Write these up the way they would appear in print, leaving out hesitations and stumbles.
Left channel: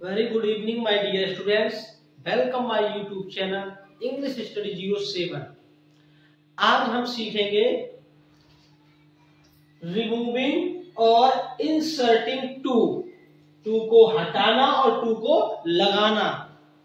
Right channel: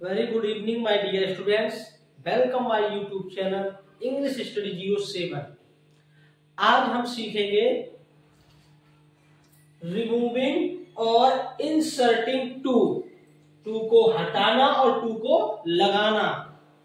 Very good evening, my dear students. Welcome my YouTube channel English Study 07. आज हम सीखेंगे removing और inserting to को हटाना और टू को लगाना।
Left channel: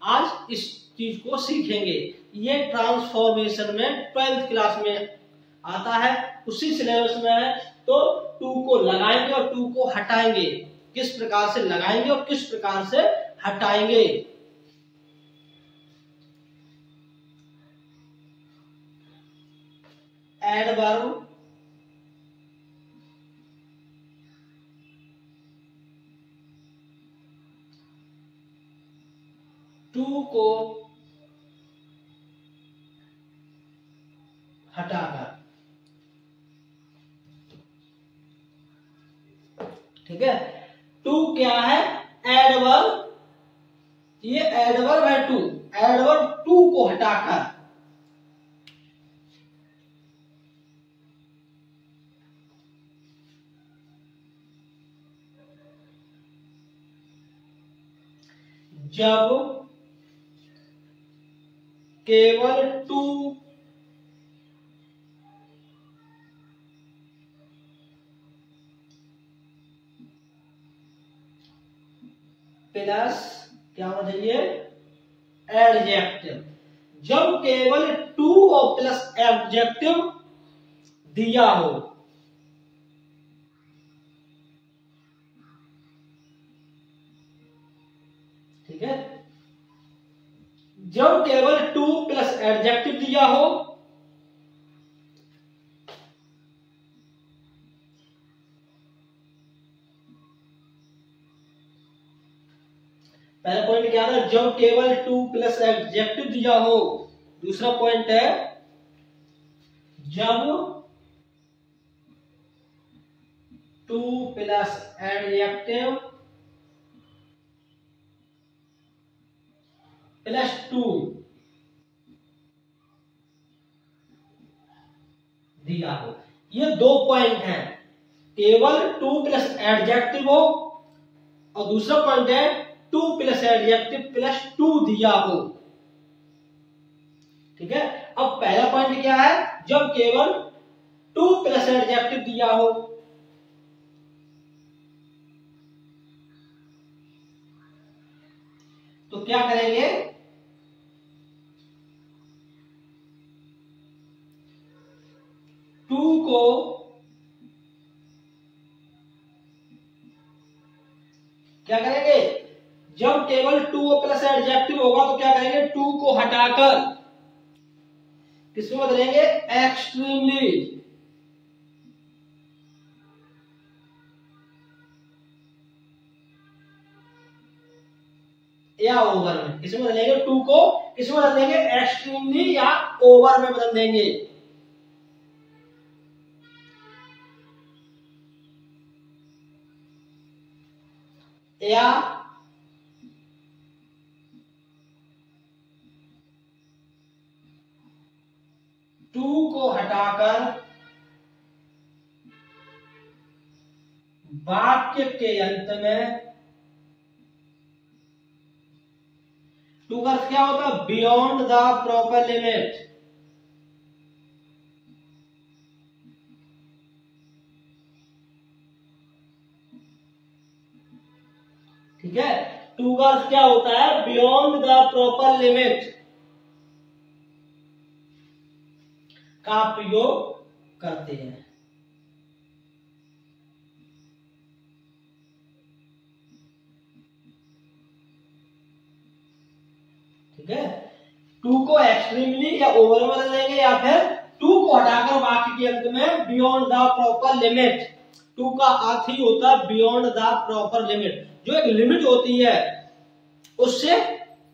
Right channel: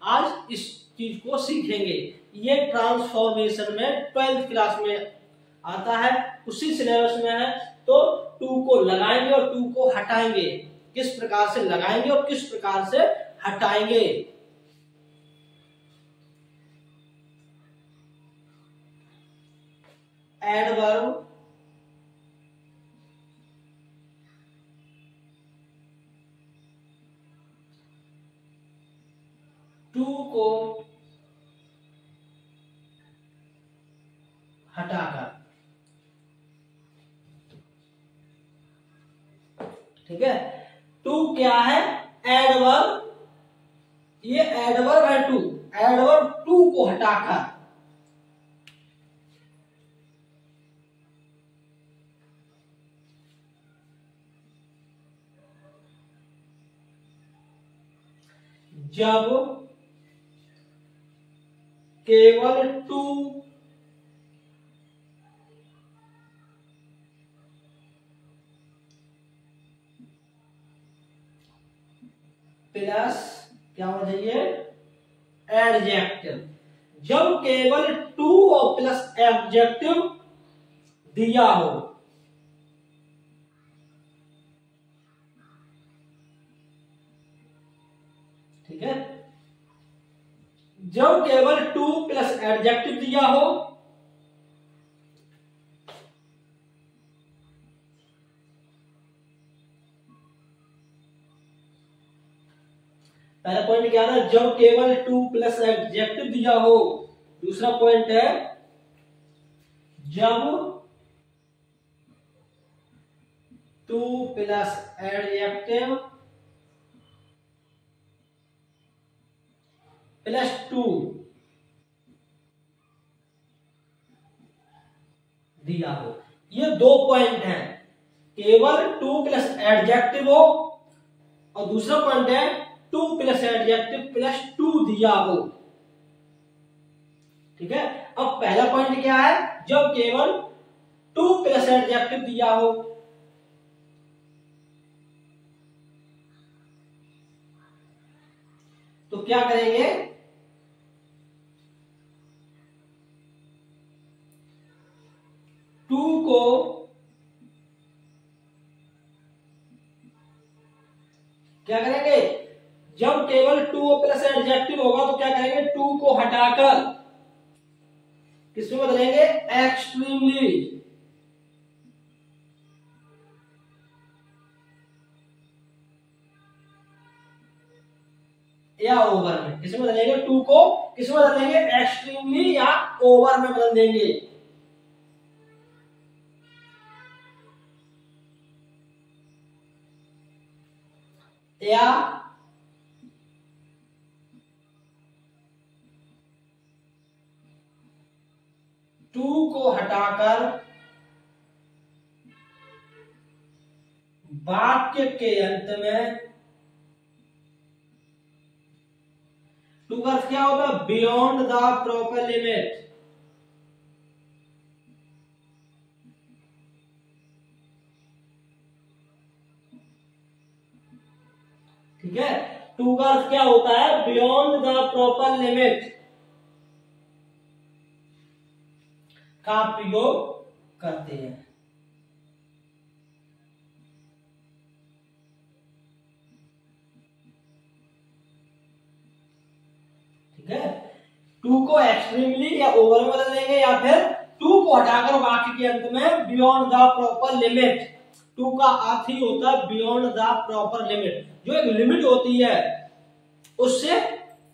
आज इस चीज को सीखेंगे। ये ट्रांसफॉर्मेशन में 12th क्लास में आता है, उसी सिलेबस में है। तो टू को लगाएंगे और टू को हटाएंगे, किस प्रकार से लगाएंगे और किस प्रकार से हटाएंगे। एडवर्ब टू को हटाकर, ठीक है। टू क्या है? एडवर्ब। ये एडवर्ब है टू। एडवर्ब टू को हटाकर जब केवल टू प्लस क्या होना चाहिए? एडजेक्टिव। जब केवल टू और प्लस एडजेक्टिव दिया हो, ठीक है। जब केवल टू प्लस एडजेक्टिव दिया हो, पहला पॉइंट क्या था? जब केवल टू प्लस एडजेक्टिव दिया हो। दूसरा पॉइंट है जब to plus adjective plus to दिया हो। ये दो पॉइंट हैं। केवल टू प्लस एडजेक्टिव हो और दूसरा पॉइंट है too plus adjective plus to दिया हो, ठीक है। अब पहला पॉइंट क्या है? जब केवल टू प्लस एडजेक्टिव दिया हो, तो क्या करेंगे? टू को क्या करेंगे? जब केवल टू प्लस एडजेक्टिव होगा तो क्या करेंगे? टू को हटाकर किसमें बदलेंगे? एक्सट्रीमली। या ओवर में। किसमें बदलेंगे? टू को किसमें बदलेंगे? एक्सट्रीमली या ओवर में बदल देंगे। या टू को हटाकर वाक्य के अंत में, टू का अर्थ क्या होता है? बियॉन्ड द प्रॉपर लिमिट, ठीक है। टू का अर्थ क्या होता है? बियॉन्ड द प्रॉपर लिमिट का प्रयोग करते हैं, ठीक है। टू को एक्सट्रीमली या ओवर में बदल देंगे या फिर टू को हटाकर वाक्य के अंत में beyond the proper limit. Too का अर्थ ही होता है बियॉन्ड द प्रॉपर लिमिट। जो एक लिमिट होती है उससे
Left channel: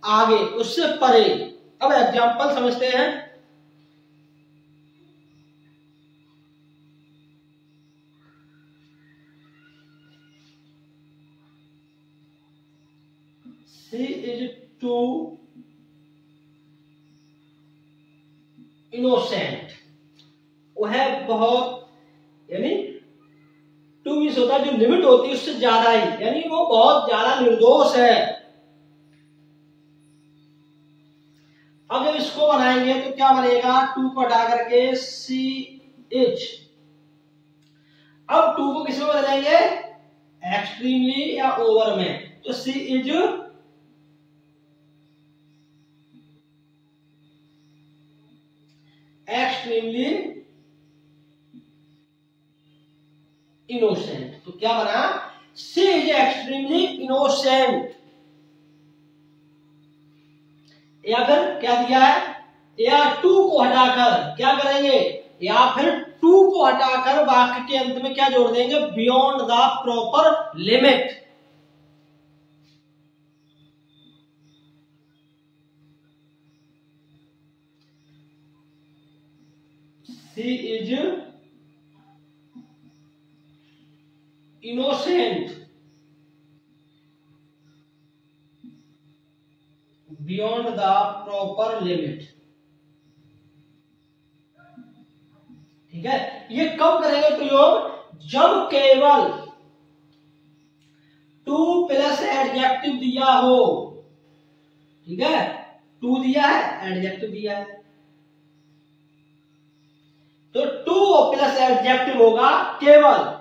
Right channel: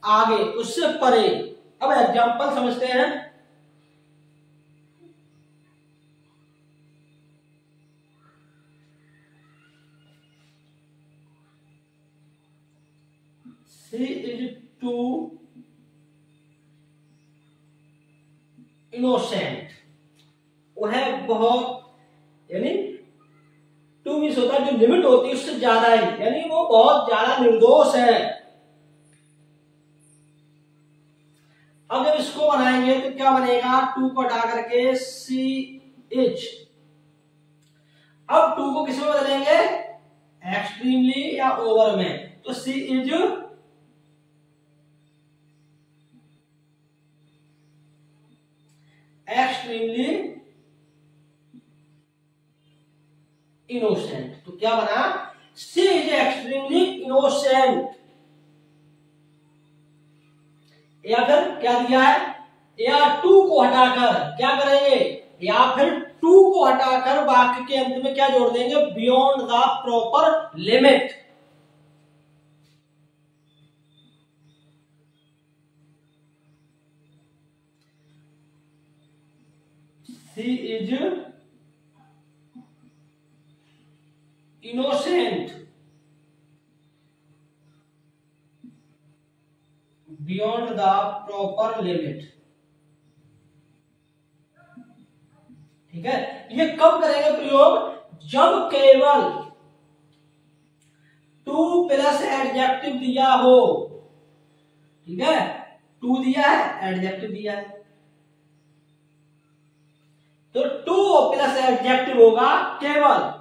आगे, उससे परे। अब एग्जांपल समझते हैं। She is too innocent। वो है बहुत, यानी टू मीन्स होता है जो लिमिट होती है उससे ज्यादा ही, यानी वो बहुत ज्यादा निर्दोष है। इसको बनाएंगे तो क्या बनेगा, टू को हटा करके सी एच। अब टू को किस में बदलेंगे, एक्सट्रीमली या ओवर में, तो सी इज एक्सट्रीमली इनोसेंट। तो क्या बना, सी इज एक्सट्रीमली इनोसेंट। या फिर क्या दिया है, या टू को हटाकर क्या करेंगे, या फिर टू को हटाकर वाक्य के अंत में क्या जोड़ देंगे, beyond the proper limit. She is innocent beyond the proper limit. ठीक है, ये कब करेंगे प्रयोग, जब केवल टू प्लस एडजेक्टिव दिया हो। ठीक है, टू दिया है, एडजेक्टिव दिया है, तो टू प्लस एडजेक्टिव होगा केवल।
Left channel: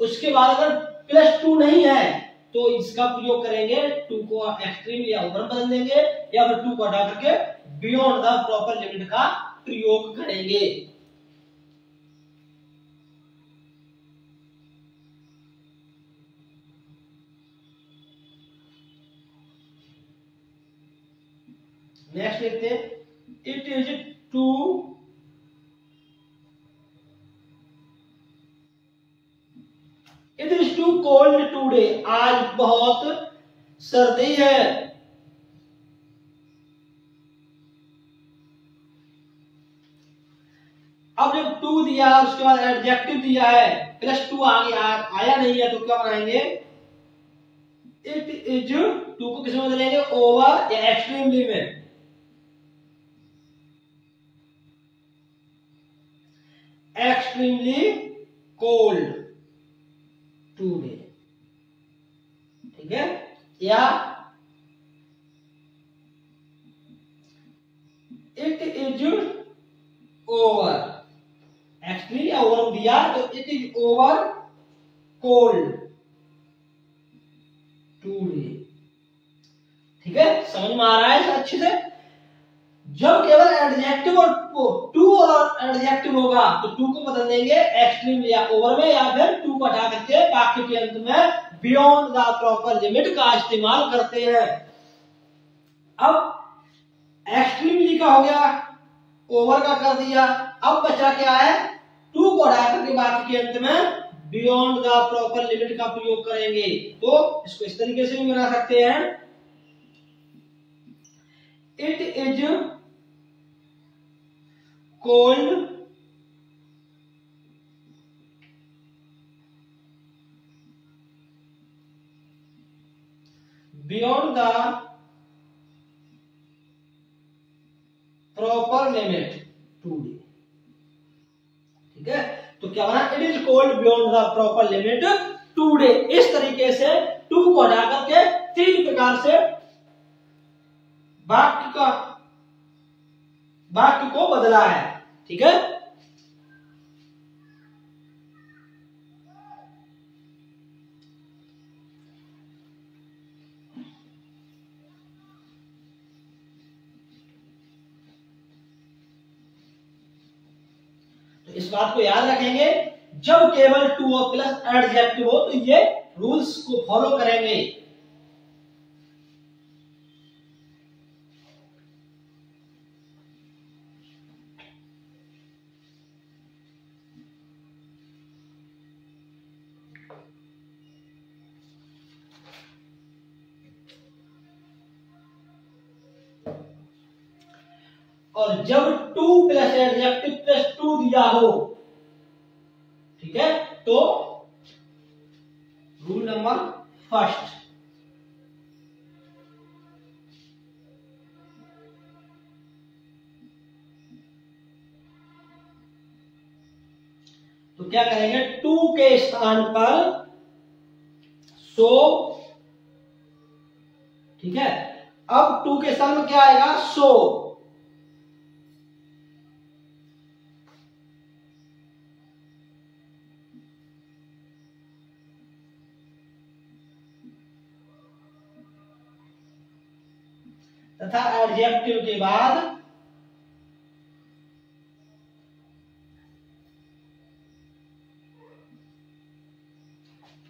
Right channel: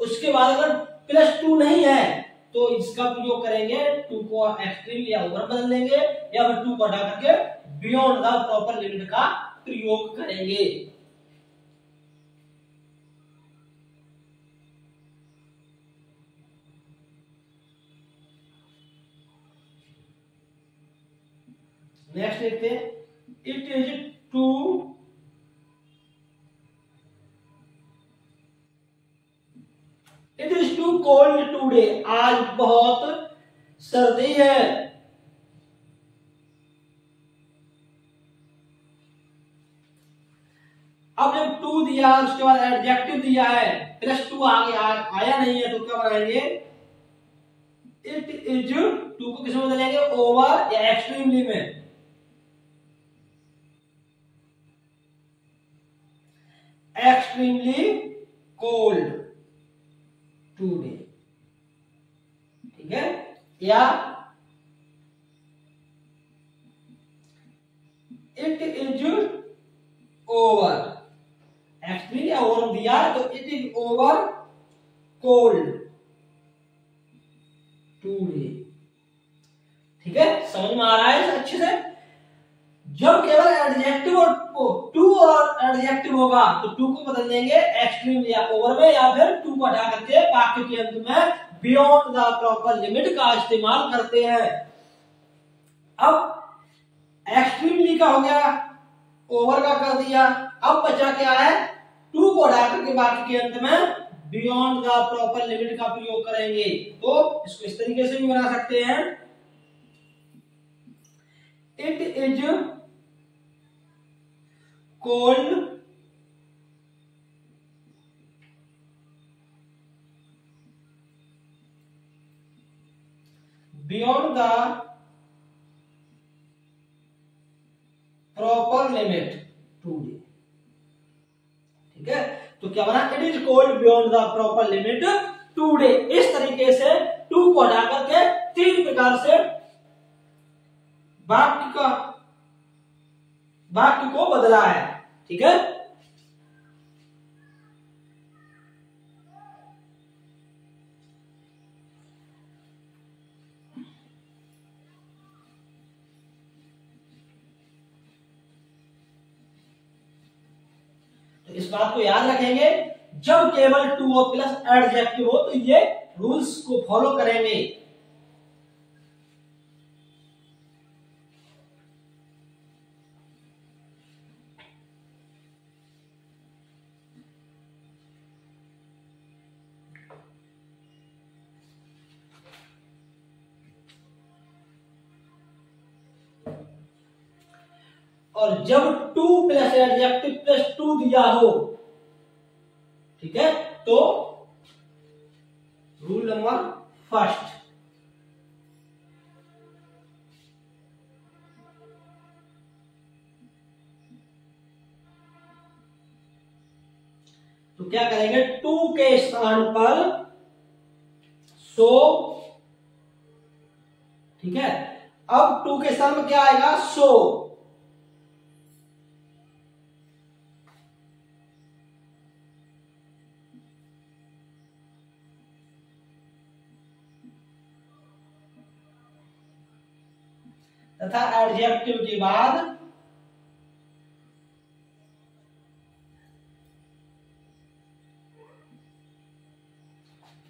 उसके बाद अगर प्लस टू नहीं है तो इसका प्रयोग करेंगे, टू को एक्सट्रीम या ओवर बदल देंगे, या फिर टू को हटा करके बियॉन्ड द प्रॉपर लिमिट का प्रयोग करेंगे। नेक्स्ट देखते हैं, it is too it is too cold today, आज बहुत सर्दी है। अब जब टू दिया उसके बाद एडजेक्टिव दिया है, प्लस टू आगे आया नहीं है, तो क्या बनाएंगे, इट इज, टू को किस में बदलेंगे, ओवर या एक्सट्रीमली में, एक्सट्रीमली कोल्ड टूडे। ठीक है, या इट इज ओवर, एक्चुअली या ओवर दिया है तो it is over cold today. ठीक है, समझ में आ रहा है अच्छे से। जब केवल एडजेक्टिव और टू और एडजेक्टिव होगा तो टू को बदल देंगे एक्सट्रीम या ओवर में, या फिर टू को हटा करके वाक्य के अंत में बियॉन्ड द प्रॉपर लिमिट का इस्तेमाल करते हैं। अब एक्सट्रीमली का हो गया, ओवर का कर दिया, अब बचा क्या है, टू को हटा करके वाक्य के अंत में बियॉन्ड द प्रॉपर लिमिट का प्रयोग करेंगे। तो इसको इस तरीके से भी बना सकते हैं, it is cold beyond the proper limit today. ठीक है, तो क्या बना, it is cold beyond the proper limit today. इस तरीके से टू को हटा करके तीन प्रकार से वाक्य को बदला है। ठीक है, तो इस बात को याद रखेंगे, जब केवल टू और प्लस एडजेक्टिव हो तो ये रूल्स को फॉलो करेंगे। और जब to plus adjective plus to दिया हो, ठीक है, तो रूल नंबर फर्स्ट, तो क्या करेंगे, टू के स्थान पर सो। ठीक है, अब टू के स्थान में क्या आएगा, सो। तथा एडजेक्टिव के बाद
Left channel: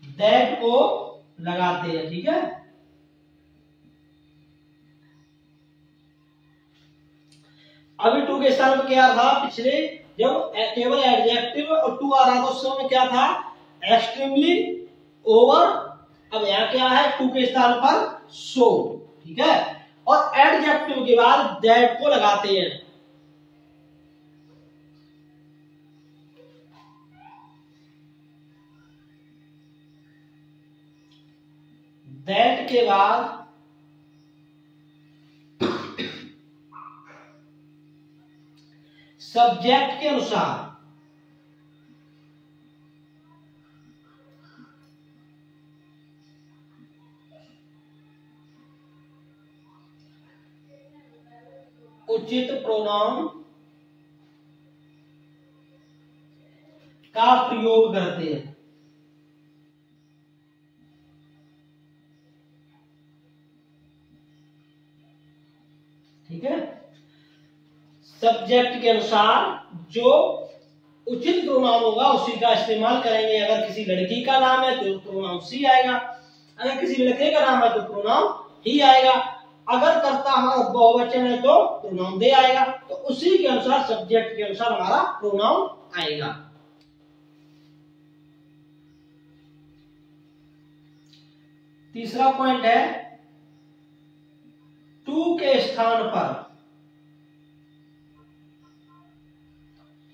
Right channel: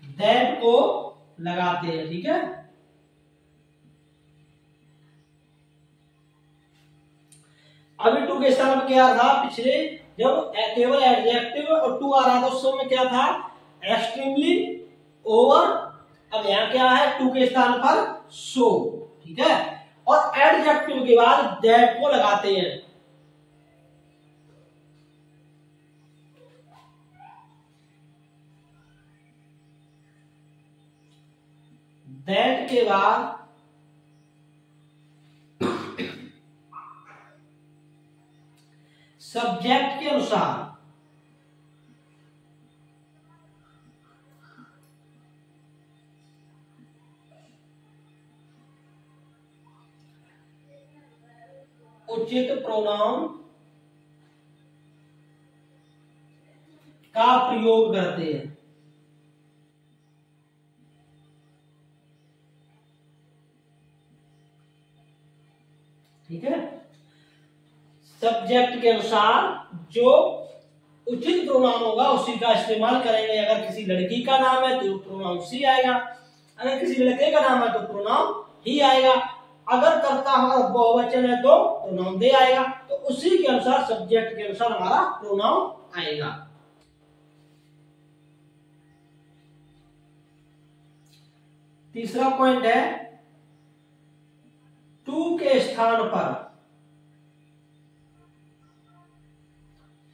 दैट को लगाते हैं। ठीक है, अभी टू के स्थान पर क्या था, पिछले जब केवल एडजेक्टिव और टू आ रहा था उस समय क्या था, एक्सट्रीमली, ओवर। अब यहाँ क्या है, टू के स्थान पर सो। ठीक है, और एडजेक्टिव के बाद दैट को लगाते हैं। दैट के बाद सब्जेक्ट के अनुसार उचित प्रोनाउन का प्रयोग करते हैं। ठीक है, सब्जेक्ट के अनुसार जो उचित प्रोनाउन होगा उसी का इस्तेमाल करेंगे। अगर किसी लड़की का नाम है तो प्रोनाउन सी आएगा, अगर किसी लड़के का नाम है तो प्रोनाउन ही आएगा, अगर कर्ता बहुवचन है तो प्रोनाउन दे आएगा। तो उसी के अनुसार, सब्जेक्ट के अनुसार हमारा प्रोनाउन आएगा। तीसरा पॉइंट है, टू के स्थान पर।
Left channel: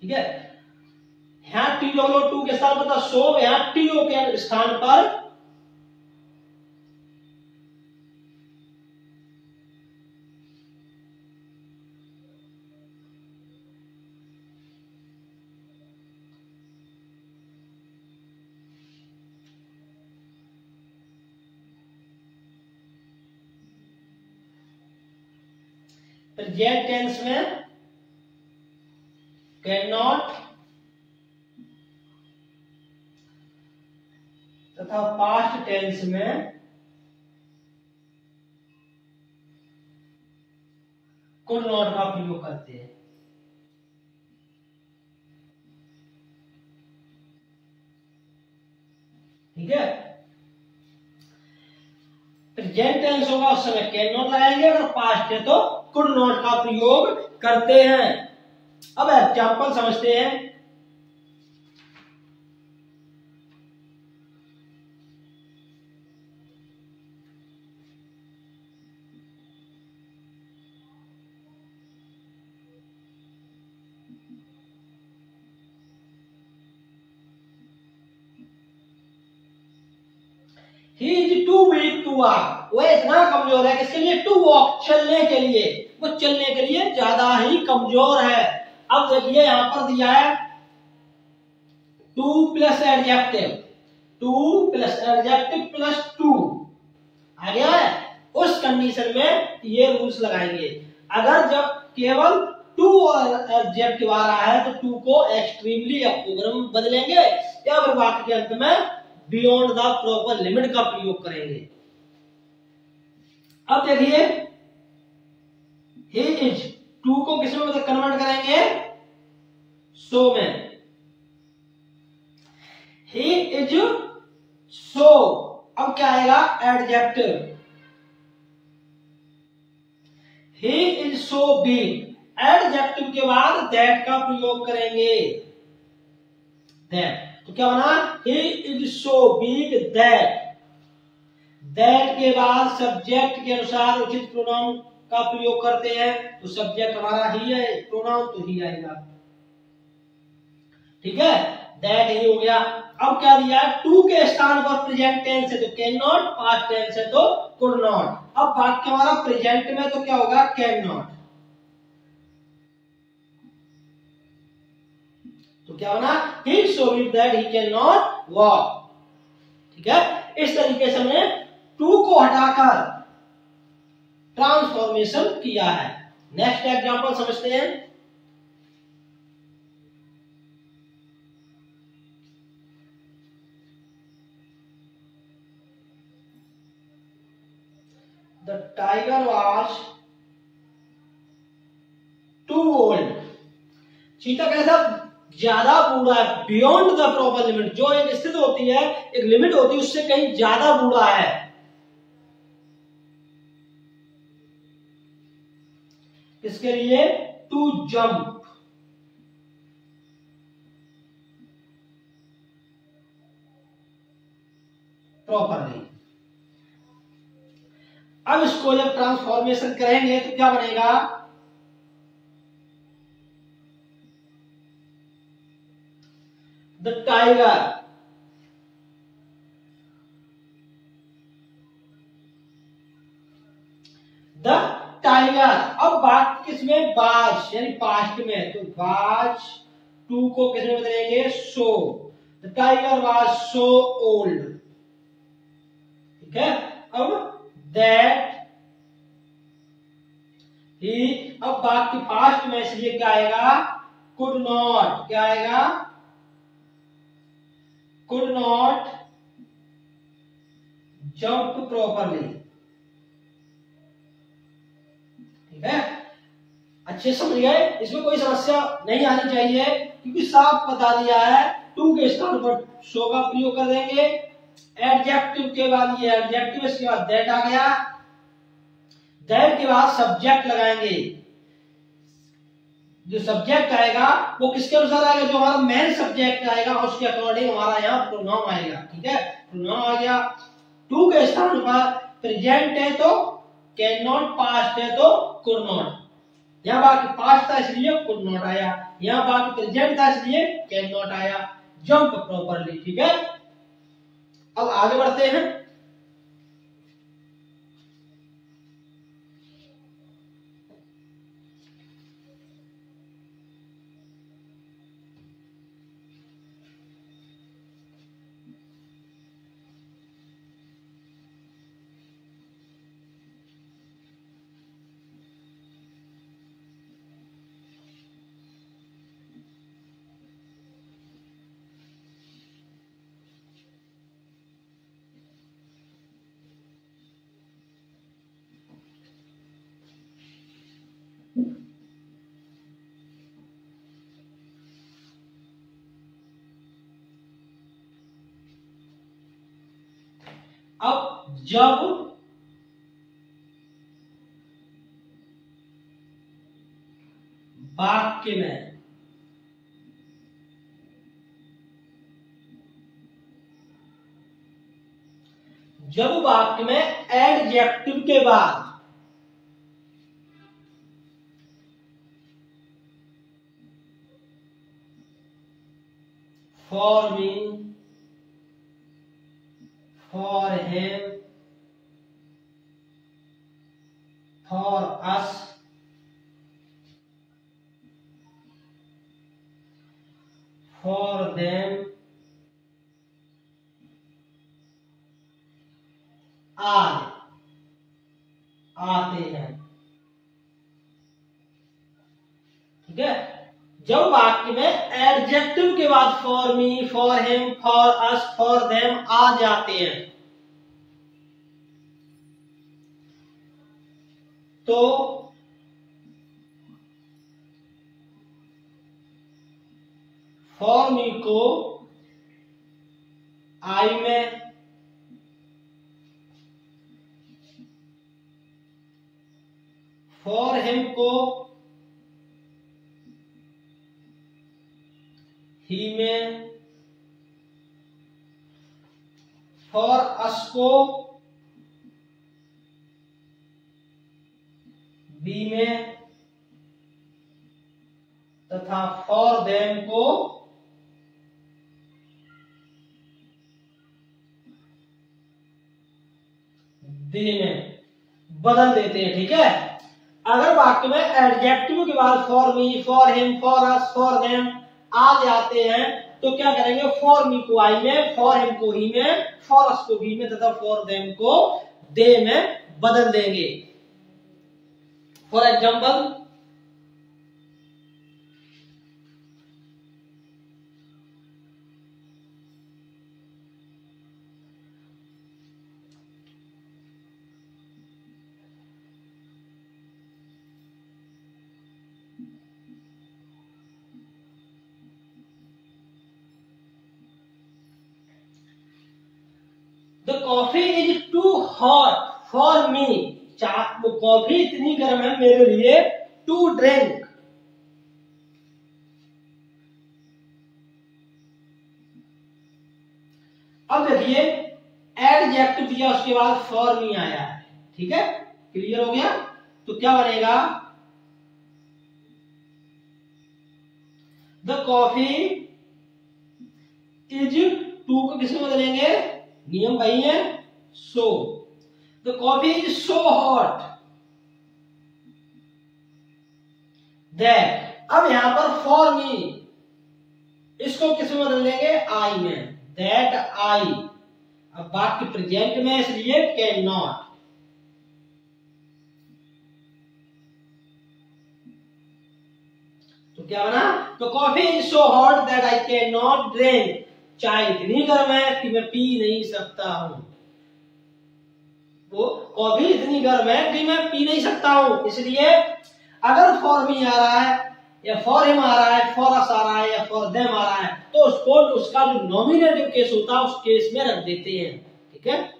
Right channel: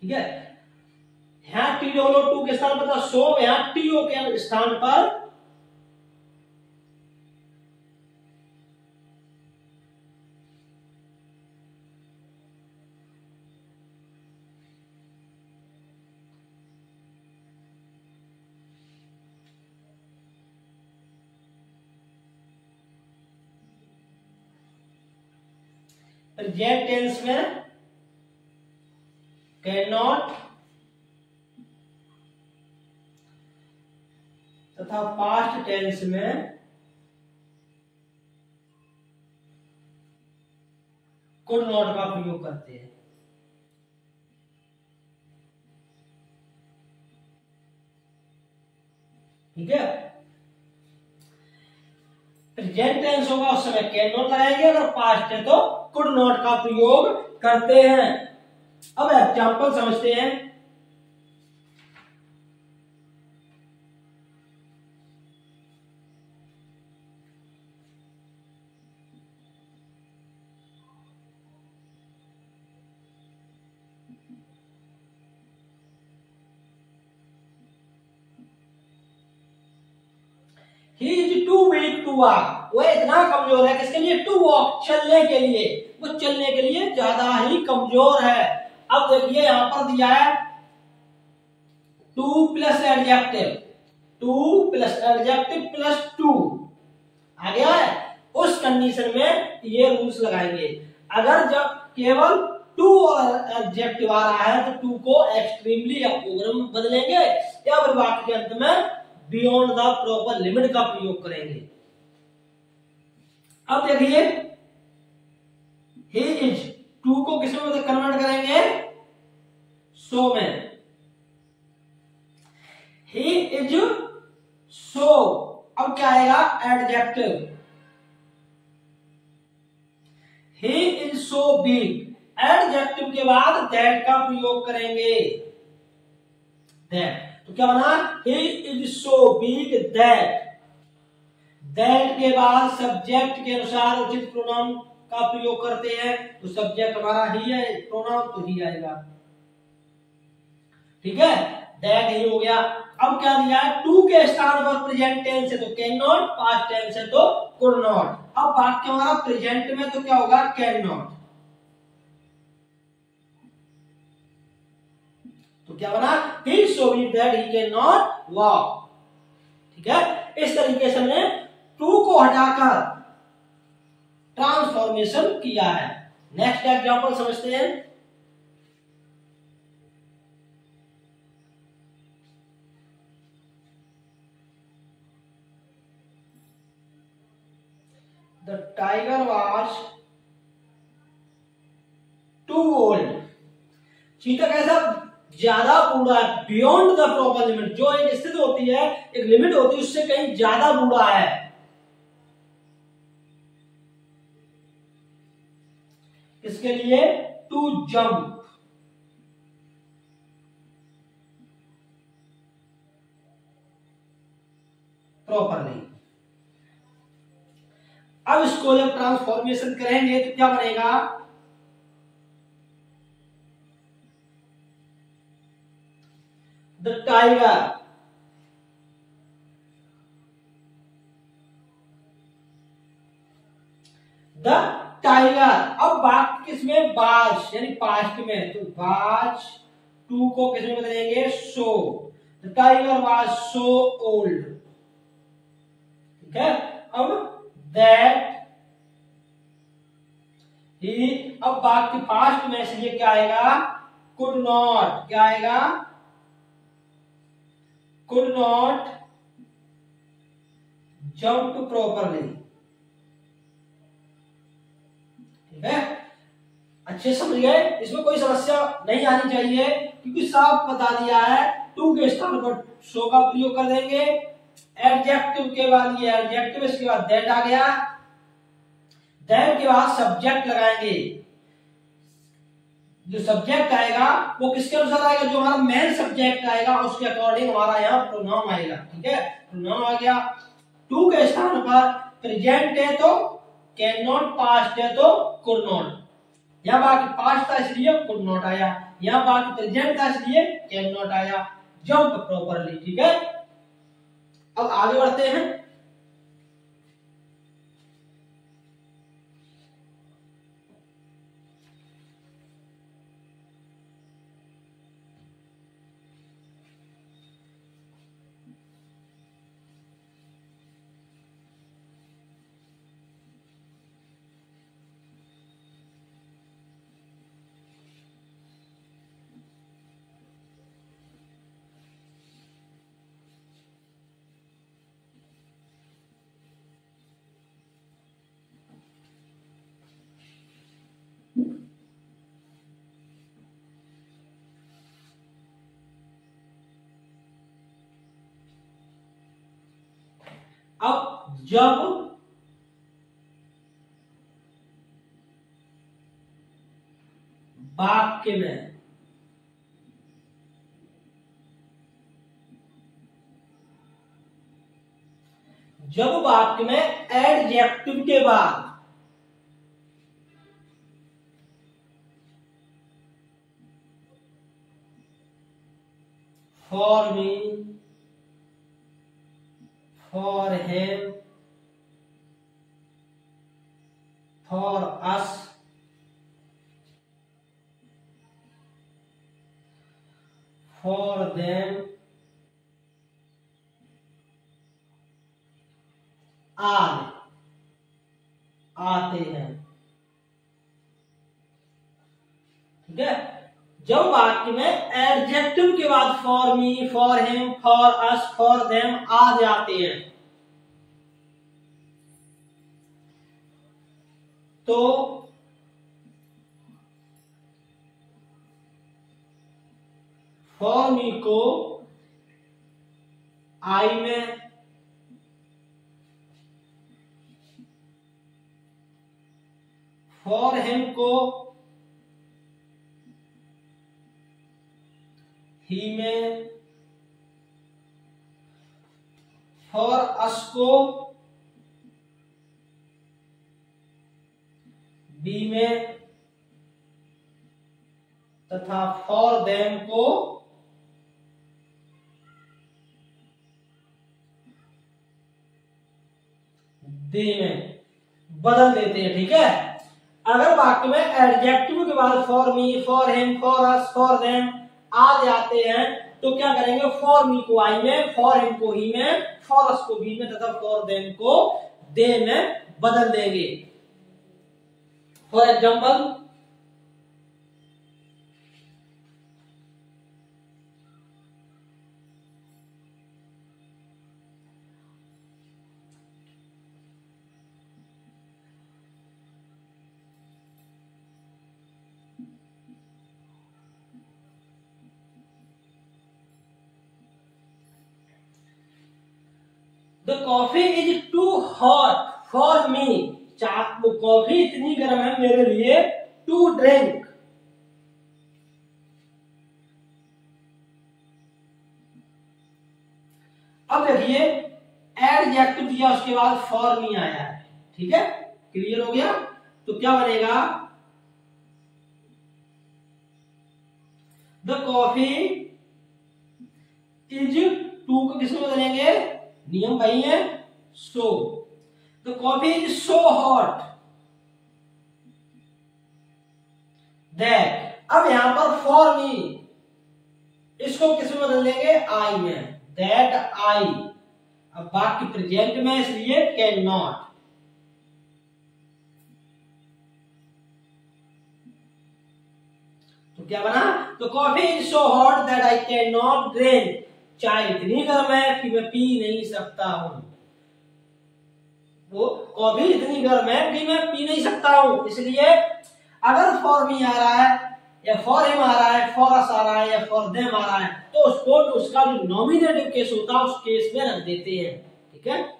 ठीक है, यहां टी डब्ल्यू टू के स्थान पर था सो, यहां टीओ के स्थान पर प्रेजेंट टेंस में कैन नॉट तथा पास्ट टेंस में कुड नॉट का प्रयोग करते हैं। ठीक है, प्रेजेंट टेंस होगा उस समय कैन नॉट लगाएंगे, अगर पास्ट है तो कुड नॉट का प्रयोग करते हैं। अब एग्जाम्पल समझते हैं। He is too weak to walk. वह इतना कमजोर है किसके लिए, टू वॉक, चलने के लिए। वो चलने के लिए ज्यादा ही कमजोर है। अब देखिए यहां पर दिया है too plus adjective, too plus adjective plus too आ गया है। उस कंडीशन में ये रूल्स लगाएंगे। अगर जब केवल टू और एडजेक्टिव आ रहा है तो टू को एक्सट्रीमली या ओवर में बदलेंगे, या फिर वाक्य के अंत में बियॉन्ड द प्रॉपर लिमिट का प्रयोग करेंगे। अब देखिए, ही इज, टू को किस में कन्वर्ट करेंगे, सो में। ही इज सो, अब क्या आएगा, adjective. He is so big, adjective के बाद दैट का प्रयोग करेंगे, दैट। तो क्या बना, he is so big that, that के बाद सब्जेक्ट के अनुसार उचित प्रोनाउन का प्रयोग करते हैं, तो सब्जेक्ट हमारा ही है, प्रोनाउन तो ही आएगा। ठीक है, दैट ही हो गया। अब क्या दिया है, टू के स्थान पर प्रेजेंट टेंस है तो कैन नॉट, पास्ट टेंस है तो कुड नॉट। अब वाक्य हमारा प्रेजेंट में तो क्या होगा, कैन नॉट। तो क्या बना, he is so weak that he cannot walk। ठीक है, इस तरीके से हमने टू को हटाकर ट्रांसफॉर्मेशन किया है। नेक्स्ट एग्जांपल समझते हैं। The tiger was चीता कैसा, ज्यादा बूढ़ा है, बियॉन्ड द प्रॉपर लिमिट, जो एक स्थिति होती है, एक लिमिट होती है, उससे कहीं ज्यादा बूढ़ा है। इसके लिए टू जंप प्रॉपरली। अब इसको जब ट्रांसफॉर्मेशन करेंगे तो क्या बनेगा, द टाइगर, द टाइगर। अब बात किसमें, बाज यानी पास्ट में, तो बाज टू को किसमें बदलेंगे, so, the tiger was so old. ठीक है, अब दैट ही, अब बात की पास्ट में इसलिए क्या आएगा, कुड नॉट, क्या आएगा, कुड नॉट जंप प्रॉपरली। ठीक है, अच्छे समझ गए, इसमें कोई समस्या नहीं आनी चाहिए, क्योंकि साफ बता दिया है। टू के स्थान पर सो का प्रयोग कर देंगे, एडजेक्टिव के बाद ये एडजेक्टिव, इसके बाद दैट आ गया, दैट के बाद सब्जेक्ट लगाएंगे। जो सब्जेक्ट आएगा वो किसके अनुसार आएगा, जो हमारा मेन सब्जेक्ट आएगा उसके अकॉर्डिंग हमारा यहाँ प्रोनाउन आएगा। ठीक है, प्रोनाउन आ गया। टू के स्थान पर प्रेजेंट है तो कैन नॉट, पास्ट है तो कुड नॉट। यहाँ बाकी पास्ट था इसलिए कुड नॉट आया, यहाँ बाकी प्रेजेंट था इसलिए कैन नॉट आया, जंप प्रॉपरली। ठीक है, अब आगे बढ़ते हैं। अब जब वाक्य में एडजेक्टिव के बाद for me, for him, for us, for them आते हैं। ठीक है, जब वाक्य में एडजेक्टिव के बाद for me, for him, for us, for them आ जाते हैं, तो फॉर मी को आई में, फॉर हिम को ही में, फॉर अस को बी में, तथा फॉर देम को दे में बदल देते हैं। ठीक है, अगर वाक्य में एडजेक्टिव के बाद for me, for him, for us, for them आ जाते हैं, तो क्या करेंगे, फॉर मी को आई में, फॉर हिम को ही में, फॉर अस को बी में, तथा फॉर देम को दे में बदल देंगे। For example, the coffee is too hot for me, वो कॉफी इतनी गर्म है मेरे लिए, टू ड्रिंक। अब देखिए एडजेक्टिव दिया, उसके बाद फॉर मी आया है, ठीक है, क्लियर हो गया। तो क्या बनेगा, द कॉफी इज, टू को किसमें बदलेंगे, नियम वही है, so. The coffee is so hot that, अब यहां पर फॉर मी, इसको किसमें बदल देंगे, आई में, दैट आई। अब वाक्य प्रेजेंट में, इसलिए कैन नॉट। तो क्या बना, तो coffee is so hot that I can not drink, चाय इतनी गर्म है कि मैं पी नहीं सकता हूं। वो कॉफी इतनी गर्म है कि मैं पी नहीं सकता हूं, इसलिए अगर फॉर मी आ रहा है या फॉर हिम आ रहा है, फॉर अस आ रहा है या फॉर देम आ रहा है, तो उसको उसका जो नॉमिनेटिव केस होता है उस केस में रख देते हैं, ठीक है।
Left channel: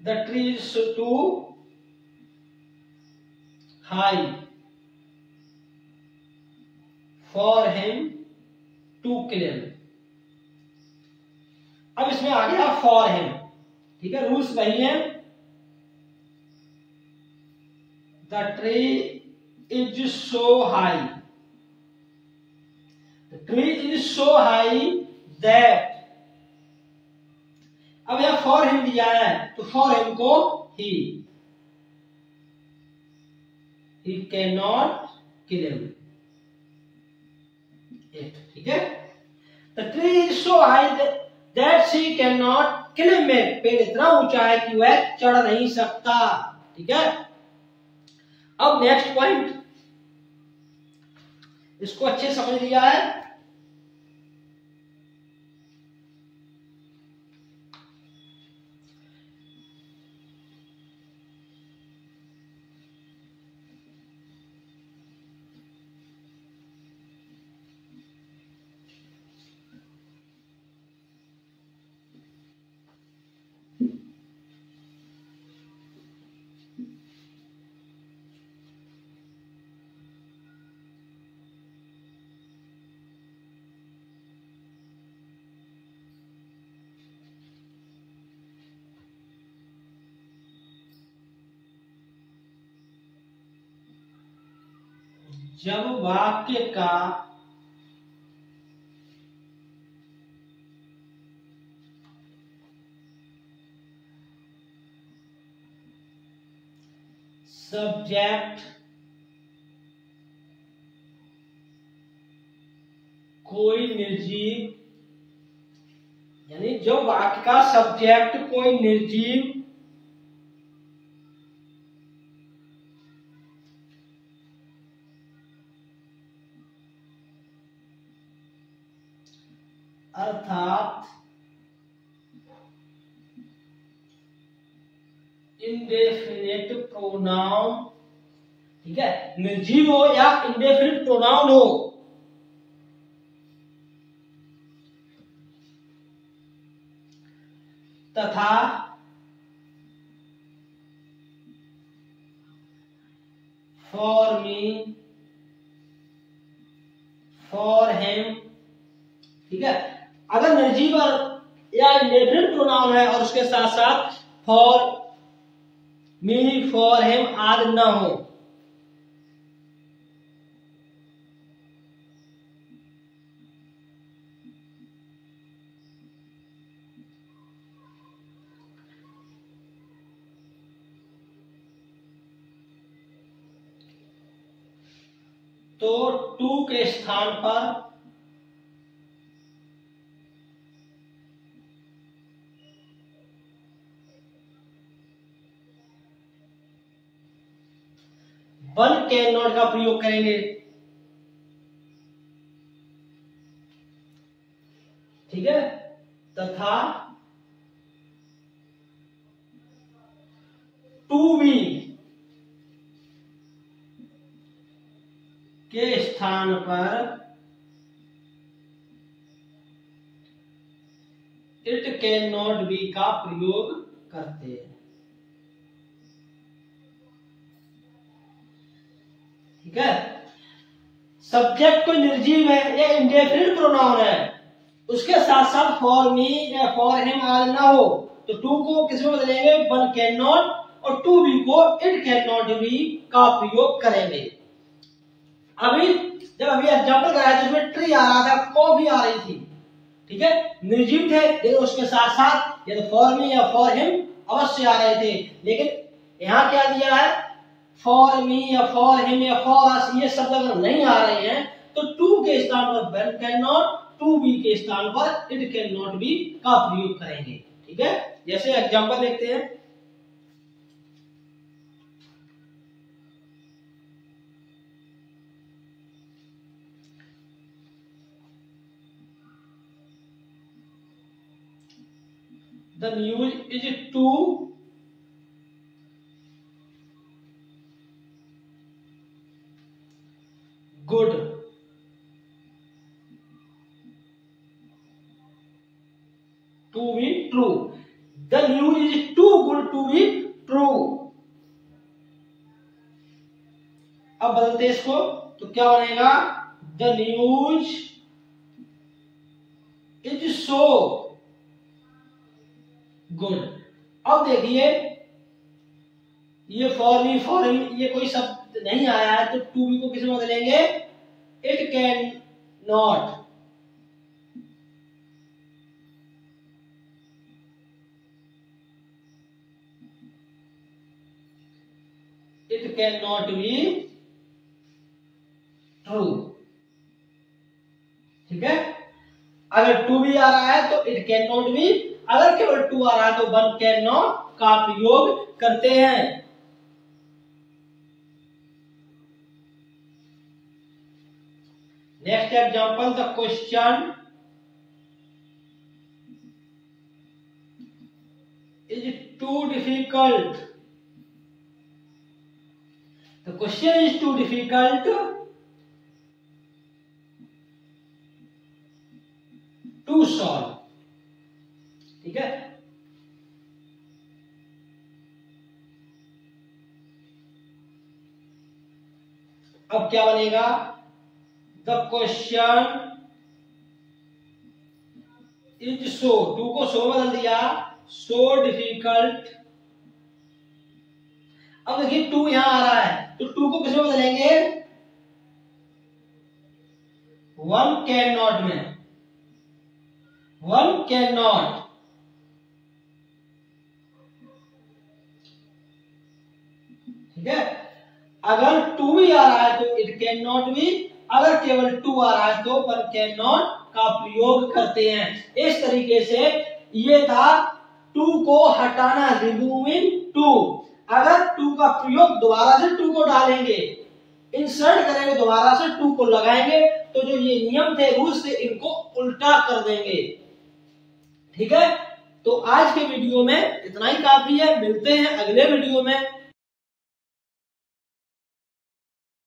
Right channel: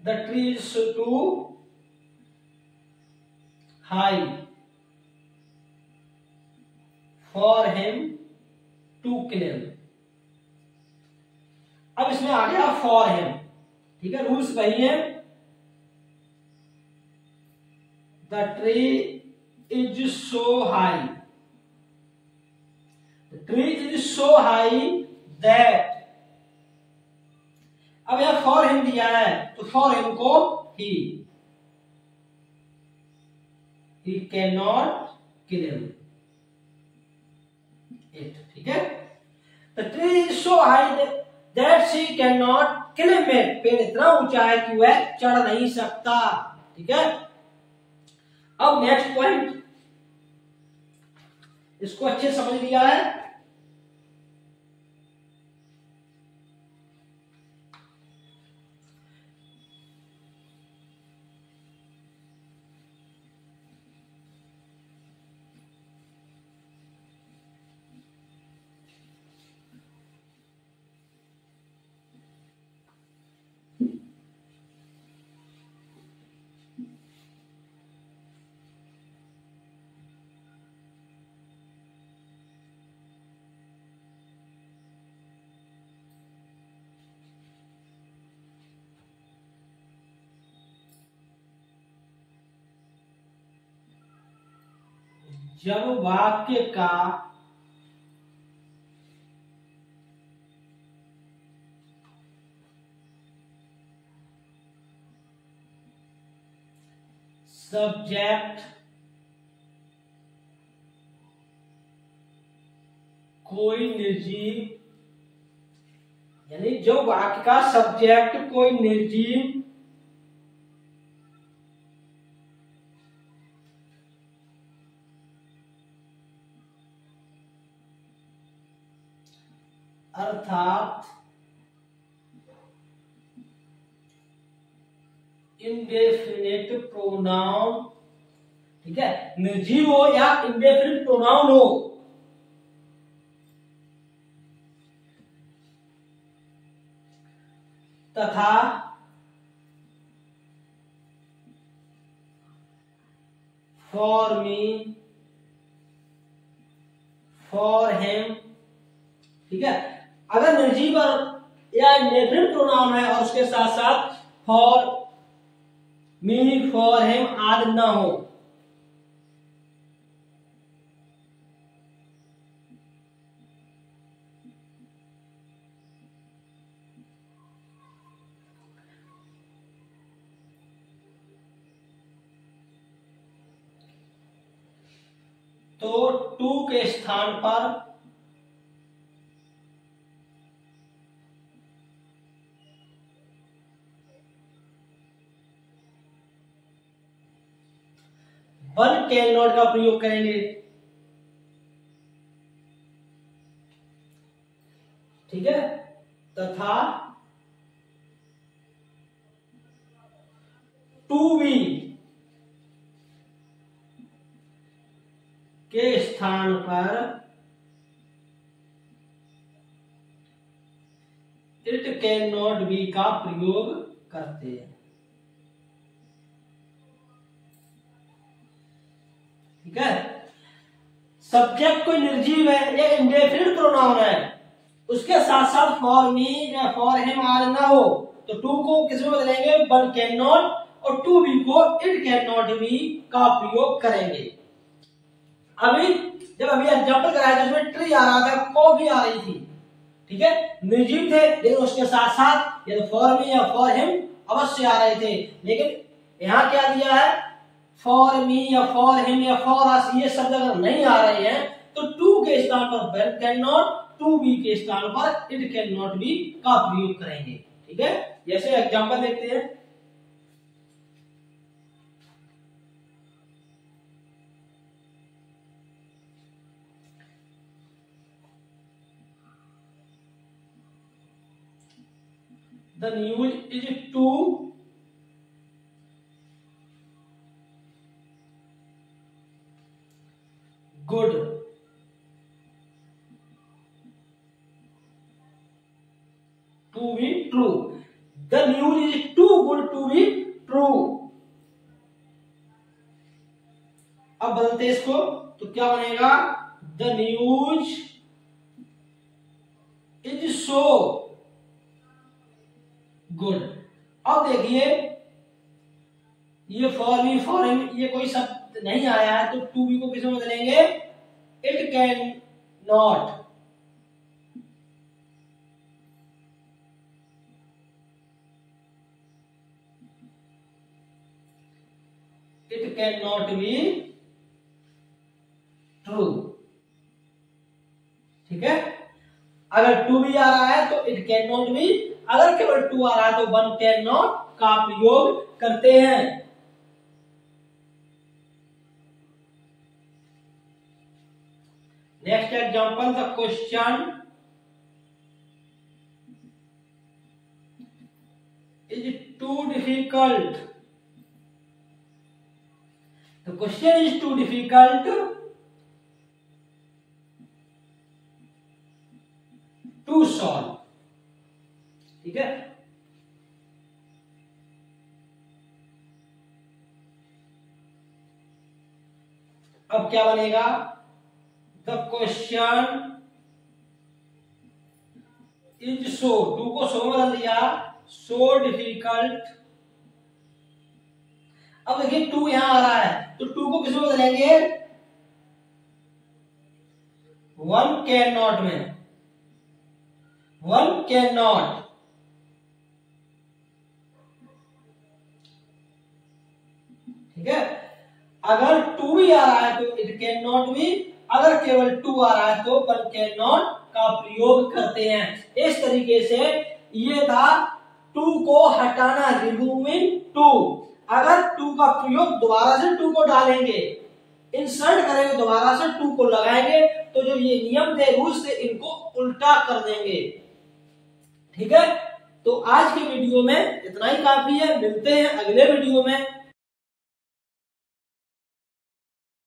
The tree is too high for him to climb। अब इसमें आ गया फॉर हिम, ठीक है, रूल्स वही है। The tree is so high, the tree is so high that, अब यहां फॉर हिम दिया है तो फॉर हिम को he can not claim it, ठीक है। The tree is so high that she can not claim it, पेड़ इतना ऊंचा है कि वह चढ़ नहीं सकता, ठीक है। अब नेक्स्ट पॉइंट, इसको अच्छे समझ लिया है। जब वाक्य का सब्जेक्ट कोई निर्जीव, यानी जो वाक्य का सब्जेक्ट कोई निर्जीव अर्थात इंडेफिनिट प्रोनाउन, ठीक है, निर्जीव हो या इंडेफिनिट प्रोनाउन हो, तथा फॉर मी, फॉर हिम, ठीक है। अगर निर्जीव या इंडेफिनिट प्रोनाउन है और उसके साथ साथ फॉर मी, फॉर हिम आदि न हो, तो टू के स्थान पर वन कैन नॉट का प्रयोग करेंगे, ठीक है, तथा टू बी के स्थान पर इट कैन नॉट बी का प्रयोग करते हैं। ठीक है, सब्जेक्ट कोई निर्जीव है या इंडेफिनिट प्रोनाउन है, उसके साथ साथ फॉर मी या फॉर हिम आज ना हो तो टू को किस में बदलेंगे, वन कैन नॉट, और टू बी को इट कैन नॉट बी का प्रयोग करेंगे। अभी जब अभी एग्जाम्पल कराया था उसमें ट्री आ रहा था, को भी आ रही थी। ठीक है, निर्जीव थे लेकिन उसके साथ साथ ये फॉर मी या फॉर हिम अवश्य आ रहे थे, लेकिन यहाँ क्या दिया है, फॉर मी या फॉर हिम या फॉर अस ये शब्द अगर नहीं आ रहे हैं तो टू के स्थान पर one can not, to be के स्थान पर इट कैन नॉट बी का प्रयोग करेंगे। ठीक है, जैसे एग्जाम्पल देखते हैं, the news is too good to be true, the news is too good to be true। अब बदलते इसको तो क्या बनेगा, the news is so good. अब देखिए ये फॉर मी फॉर हिम ये कोई शब्द नहीं आया है तो टू बी को किस में बदलेंगे, it can not, it can not be true. ठीक है, अगर टू बी आ रहा है तो इट कैन नॉट बी, अगर केवल टू आ रहा है तो वन कैन नॉट का प्रयोग करते हैं। Next example, the question is too difficult, the question is too difficult to solve. ठीक है, अब क्या बनेगा, the question is so, too को सो में बदल दिया, सो डिफिकल्ट। अब देखिए टू यहां आ रहा है तो टू को किस में बदलेंगे, वन कैन नॉट में, वन कैन नॉट। ठीक है, अगर टू भी आ रहा है तो इट कैन नॉट बी, अगर केवल टू आ रहा है तो वन कैन नॉट का प्रयोग करते हैं। इस तरीके से ये था टू को हटाना, रिमूविंग टू। अगर टू का प्रयोग दोबारा से टू को डालेंगे, इंसर्ट करेंगे, दोबारा से टू को लगाएंगे तो जो ये नियम थे, रूल्स थे, इनको उल्टा कर देंगे। ठीक है, तो आज के वीडियो में इतना ही काफी है, मिलते हैं अगले वीडियो में।